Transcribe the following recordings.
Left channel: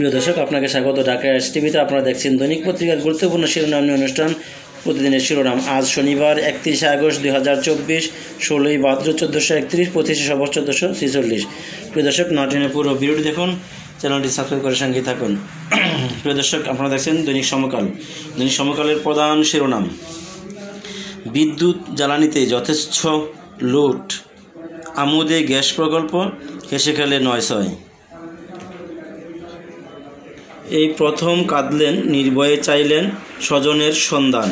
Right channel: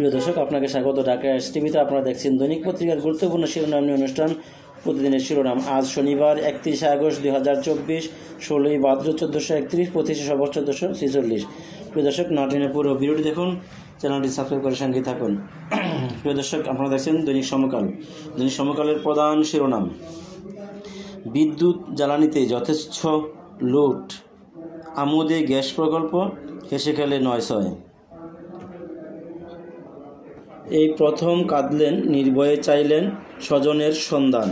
প্রিয় দর্শক, আপনাকে স্বাগত ঢাকা এসটিভিতে। আপনারা দেখছেন দৈনিক পত্রিকার গুরুত্বপূর্ণ শিরোনাম নিয়ে অনুষ্ঠান প্রতিদিনের শিরোনাম। আজ শনিবার 31 আগস্ট 2024, 16ই ভাদ্র 1431, 25 সবর 1446। প্রিয় দর্শক, নাটিনের পুরো ভিডিওটি দেখুন, চ্যানেলটি সাবস্ক্রাইব করে সঙ্গে থাকুন। প্রিয় দর্শক, আপনারা দেখছেন দৈনিক সমকাল। দৈনিক সমকালের প্রধান শিরোনাম: বিদ্যুৎ জ্বালানিতে যথেচ্ছ লুট, আমুদে গ্যাস প্রকল্প হেসে খেলে 9-6। এই প্রথম কাঁদলেন, নির্ভয়ে চাইলেন স্বজনের সন্ধান।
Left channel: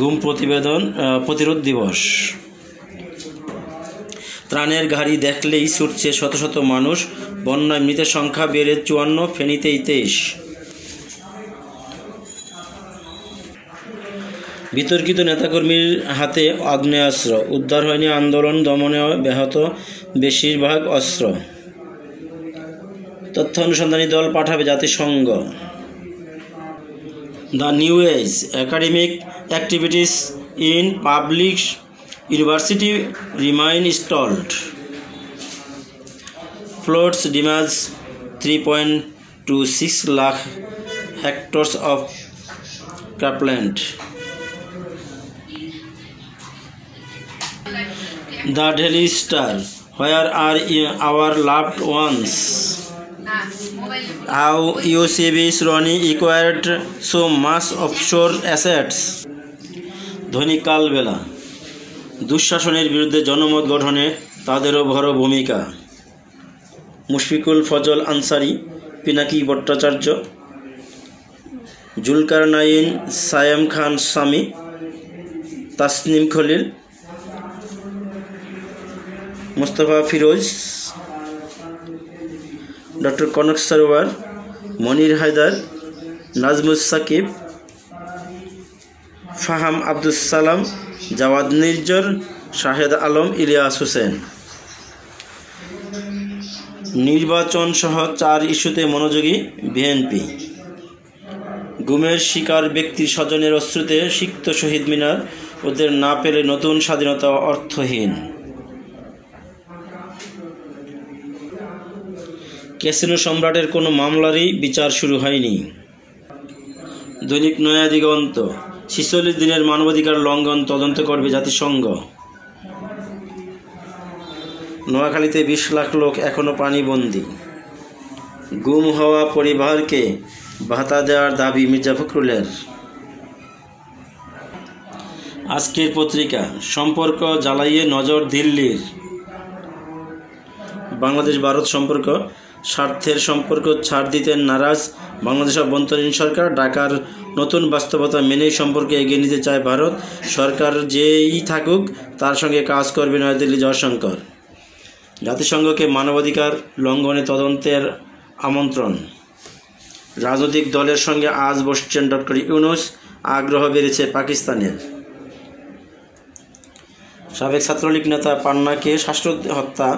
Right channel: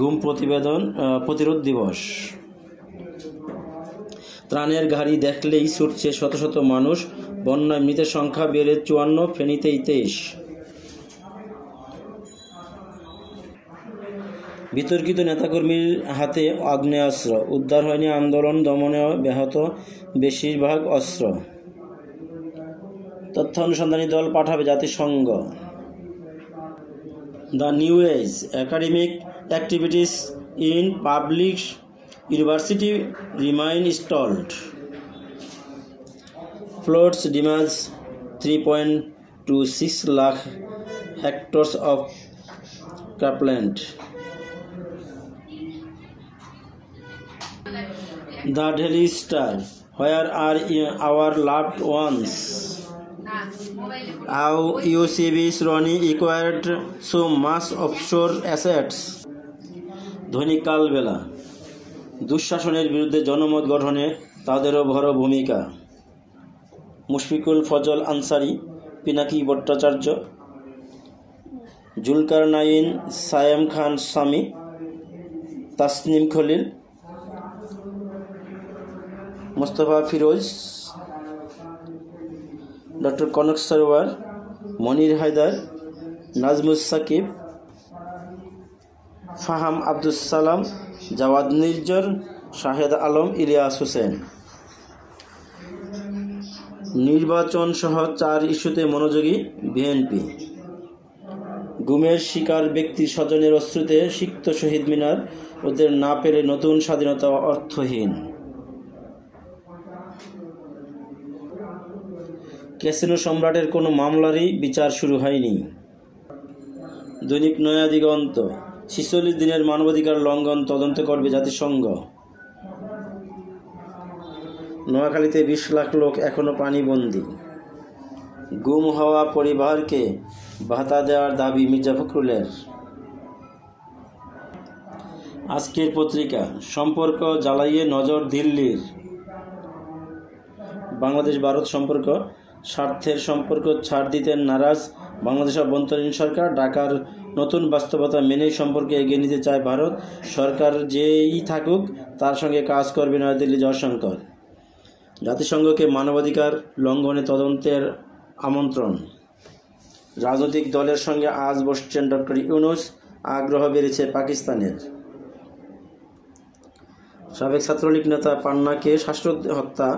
গুম প্রতিরোধ দিবস। ত্রাণের গাড়ি দেখলেই ছুটছে শত শত মানুষ, বন্যায় মৃতের সংখ্যা বেড়ে 54, ফেনীতে 23। বিতর্কিত নেতাকর্মীর হাতে আগ্নেয়াস্ত্র, উদ্ধার হয়নি, আন্দোলন দমনে ব্যাহত বেশিরভাগ অস্ত্র। তথ্য অনুসন্ধানী দল পাঠাবে জাতিসংঘ। The New Age, academic activities in public university remain stalled. Floods damage 3.26 lakh hectares of cropland. The Daily Star, where are our loved ones? How UCB Sroni acquired so much offshore assets. দৈনিক কালবেলা, দুঃশাসনের বিরুদ্ধে জনমত গঠনে তাদেরও বড় ভূমিকা। মুশফিকুল ফজল আনসারি, পিনাকি ভট্টাচার্য, জুলকারনাইন, সায়াম খান Sami, Tasnim Khalil, Mostafa Firoz, doctor Kanak Sarwar, মনির Haider, Najmus Shakib, ফাহাম Abdus Salam, Javad নির্জর, Shahed Alam, Ilias Hossain. নির্বাচন সহ 4 ইস্যুতে মনোযোগী বিএনপি। গুমের শিকার ব্যক্তির স্বজনের অশ্রুতে সিক্ত শহীদ মিনার, ওদের না পেলে নতুন স্বাধীনতা অর্থহীন। ক্যাসিনো সম্রাটের কোনো মামলারই বিচার শুরু হয়নি। দৈনিক নয়া দিগন্ত, 46 দিনের মানবাধিকার লঙ্ঘন তদন্ত করবে জাতিসংঘ। নোয়াখালীতে 20 লাখ লোক এখনও পানিবন্দী। গুম হওয়া পরিবারকে ভাতা দেওয়ার দাবি মির্জা ফখরুলের। আজকের পত্রিকা, সম্পর্ক জ্বালাইয়ে নজর দিল্লির। বাংলাদেশ ভারত সম্পর্ক, স্বার্থের সম্পর্ক ছাড় দিতে নারাজ বাংলাদেশ অভ্যন্তরীণ সরকার। ঢাকার নতুন বাস্তবতা মেনেই সম্পর্কে এগিয়ে নিতে চায় ভারত। সরকার যেই থাকুক তার সঙ্গে কাজ করবে নয়াদিল্লি জয়শঙ্কর। জাতিসংঘকে মানবাধিকার লঙ্ঘনে তদন্তের আমন্ত্রণ। রাজনৈতিক দলের সঙ্গে আজ বসছেন ডক্টর ইউনূস, আগ্রহ বেড়েছে পাকিস্তানের। সাবেক ছাত্রলীগ নেতা পান্নাকে শ্বাসরোধে হত্যা,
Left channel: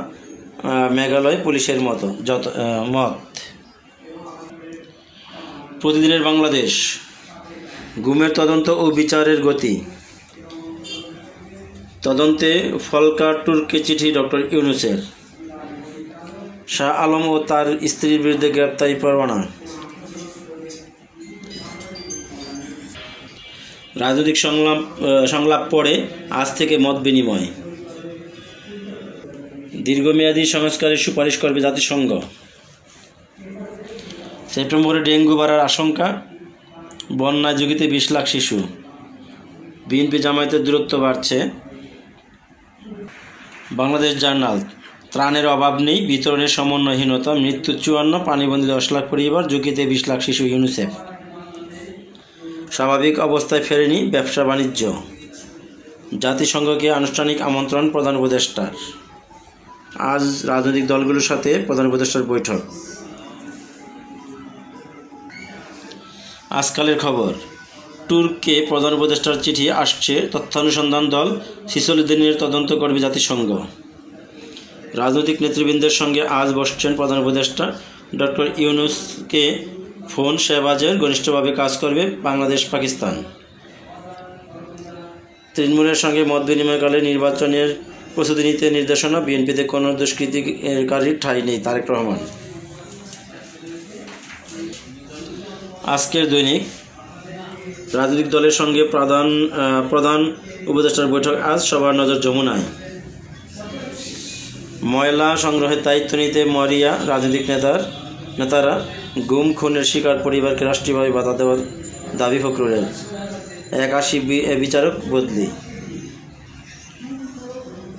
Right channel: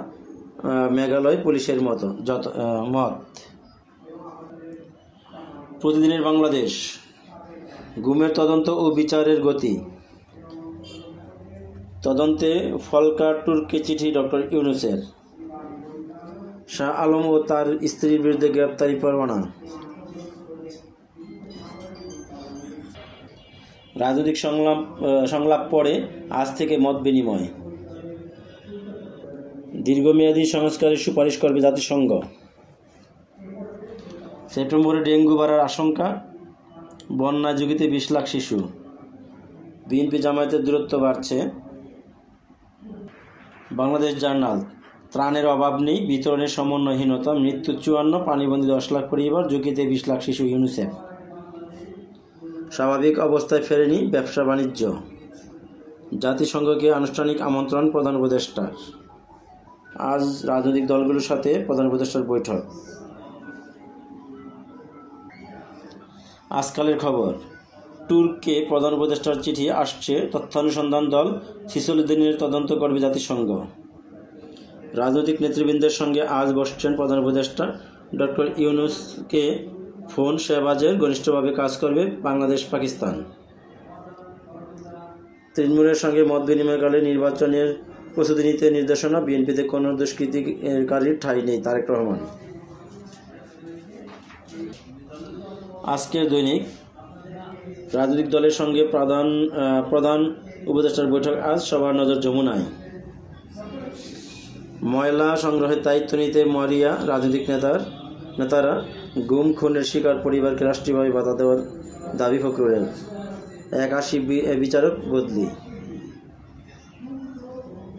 মেঘালয় পুলিশের মত। প্রতিদিনের বাংলাদেশ, গুমের তদন্ত ও বিচারের গতি। তদন্তে ফলকাটুরকে চিঠি ডক্টর ইউনূসের। শাহ আলম ও তার স্ত্রীর বিরুদ্ধে গ্রেপ্তারি পরোয়ানা। রাজনৈতিক সংলাপ পরে আজ থেকে মত বিনিময়। দীর্ঘমেয়াদী সংস্কারের সুপারিশ করবে জাতিসংঘ। সেপ্টেম্বরে ডেঙ্গু বাড়ার আশঙ্কা, বন্যায় ঝুঁকিতে 20 লাখ শিশু। বিএনপি জামায়াতের দূরত্ব বাড়ছে। বাংলাদেশ জার্নাল, ত্রাণের অভাব নেই, বিতরণের সমন্বয়হীনতা, মৃত্যু 54, পানিবন্দী 10 লাখ পরিবার, ঝুঁকিতে 20 লাখ শিশু। ইউনিসেফ, স্বাভাবিক অবস্থায় ফেরেনি ব্যবসা বাণিজ্য। জাতিসংঘকে আনুষ্ঠানিক আমন্ত্রণ প্রধান উপদেষ্টার। আজ রাজনৈতিক দলগুলোর সাথে প্রধান উপদেষ্টার বৈঠক। আজকালের খবর, তুর্ককে প্রধান উপদেষ্টার চিঠি আসছে, তথ্যানুসন্ধান দল 46 দিনের তদন্ত করবে জাতিসংঘ। রাজনৈতিক নেতৃবৃন্দের সঙ্গে আজ বসছেন প্রধান উপদেষ্টা। ডক্টর ইউনূসকে ফোন শেহবাজের ঘনিষ্ঠভাবে কাজ করবে বাংলাদেশ পাকিস্তান। তৃণমূলের সঙ্গে মত বিনিময়কালে নির্বাচনের প্রস্তুতি নিতে নির্দেশনা। বিএনপিতে কোনো দুষ্কৃতিকারীর ঠাঁই নেই, তারেক রহমান। আজকের দৈনিক রাজনৈতিক দলের সঙ্গে প্রধান উপদেষ্টার বৈঠক আজ, সবার নজর যমুনায়। ময়লা সংগ্রহের দায়িত্ব নিতে মরিয়া রাজনৈতিক নেতারা, গুম খুনের শিকার পরিবারকে রাষ্ট্রীয়ভাবে ভাতা দেওয়ার দাবি ফখরুলের, 81 বিচারক বদলি।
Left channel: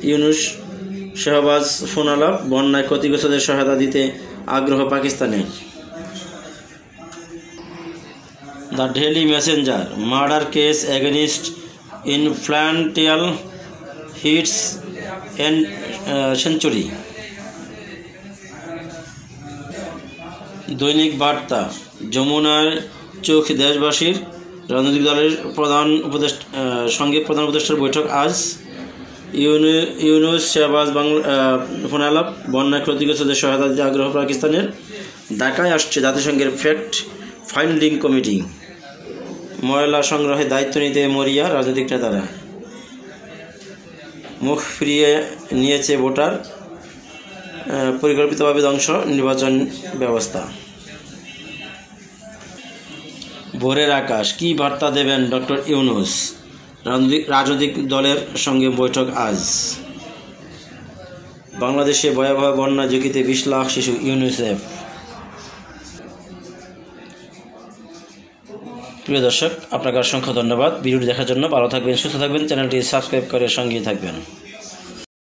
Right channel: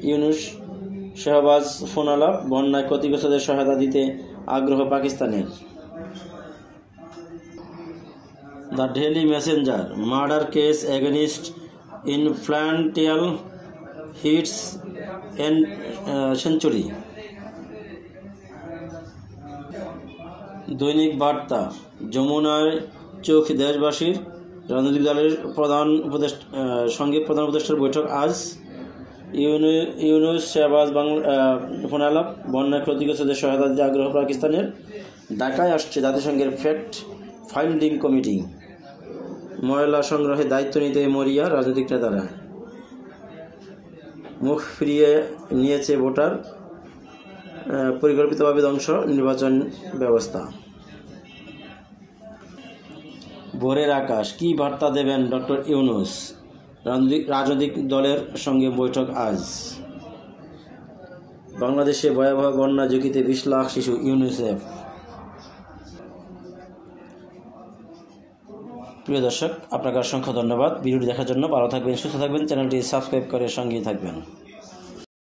ইউনূস শাহবাজ ফোনালাপ, বন্যায় ক্ষতিগ্রস্তদের সহায়তা দিতে আগ্রহ পাকিস্তানের। The Daily Messenger, murder case against influential hits century. দৈনিক বার্তা, যমুনার চোখ দেশবাসীর, রাজনৈতিক দলের সঙ্গে প্রধান উপদেষ্টার বৈঠক আজ। ইউনূস শাহবাজ ফোনালাপ, বন্যায় ক্ষতিগ্রস্তদের সহায়তা দিতে আগ্রহ পাকিস্তানের। ঢাকায় আসছে জাতিসংঘের ফ্যাক্ট ফাইন্ডিং কমিটি। ময়লা সংগ্রহে দায়িত্ব নিতে মরিয়া রাজনৈতিক নেতারা। মুখ ফিরিয়ে নিয়েছে ভোটার, পরিকল্পিতভাবে ধ্বংস নির্বাচন ব্যবস্থা। ভোরের আকাশ, কী বার্তা দেবেন ডক্টর ইউনূস, রাজনৈতিক দলের সঙ্গে বৈঠক আজ। বাংলাদেশে ভয়াবহ বন্যা ঝুঁকিতে 20 লাখ শিশু, ইউনিসেফ। প্রিয় দর্শক, আপনাকে অসংখ্য ধন্যবাদ ভিডিওটি দেখার জন্য। ভালো থাকবেন, সুস্থ থাকবেন, চ্যানেলটি সাবস্ক্রাইব করে সঙ্গেই থাকবেন।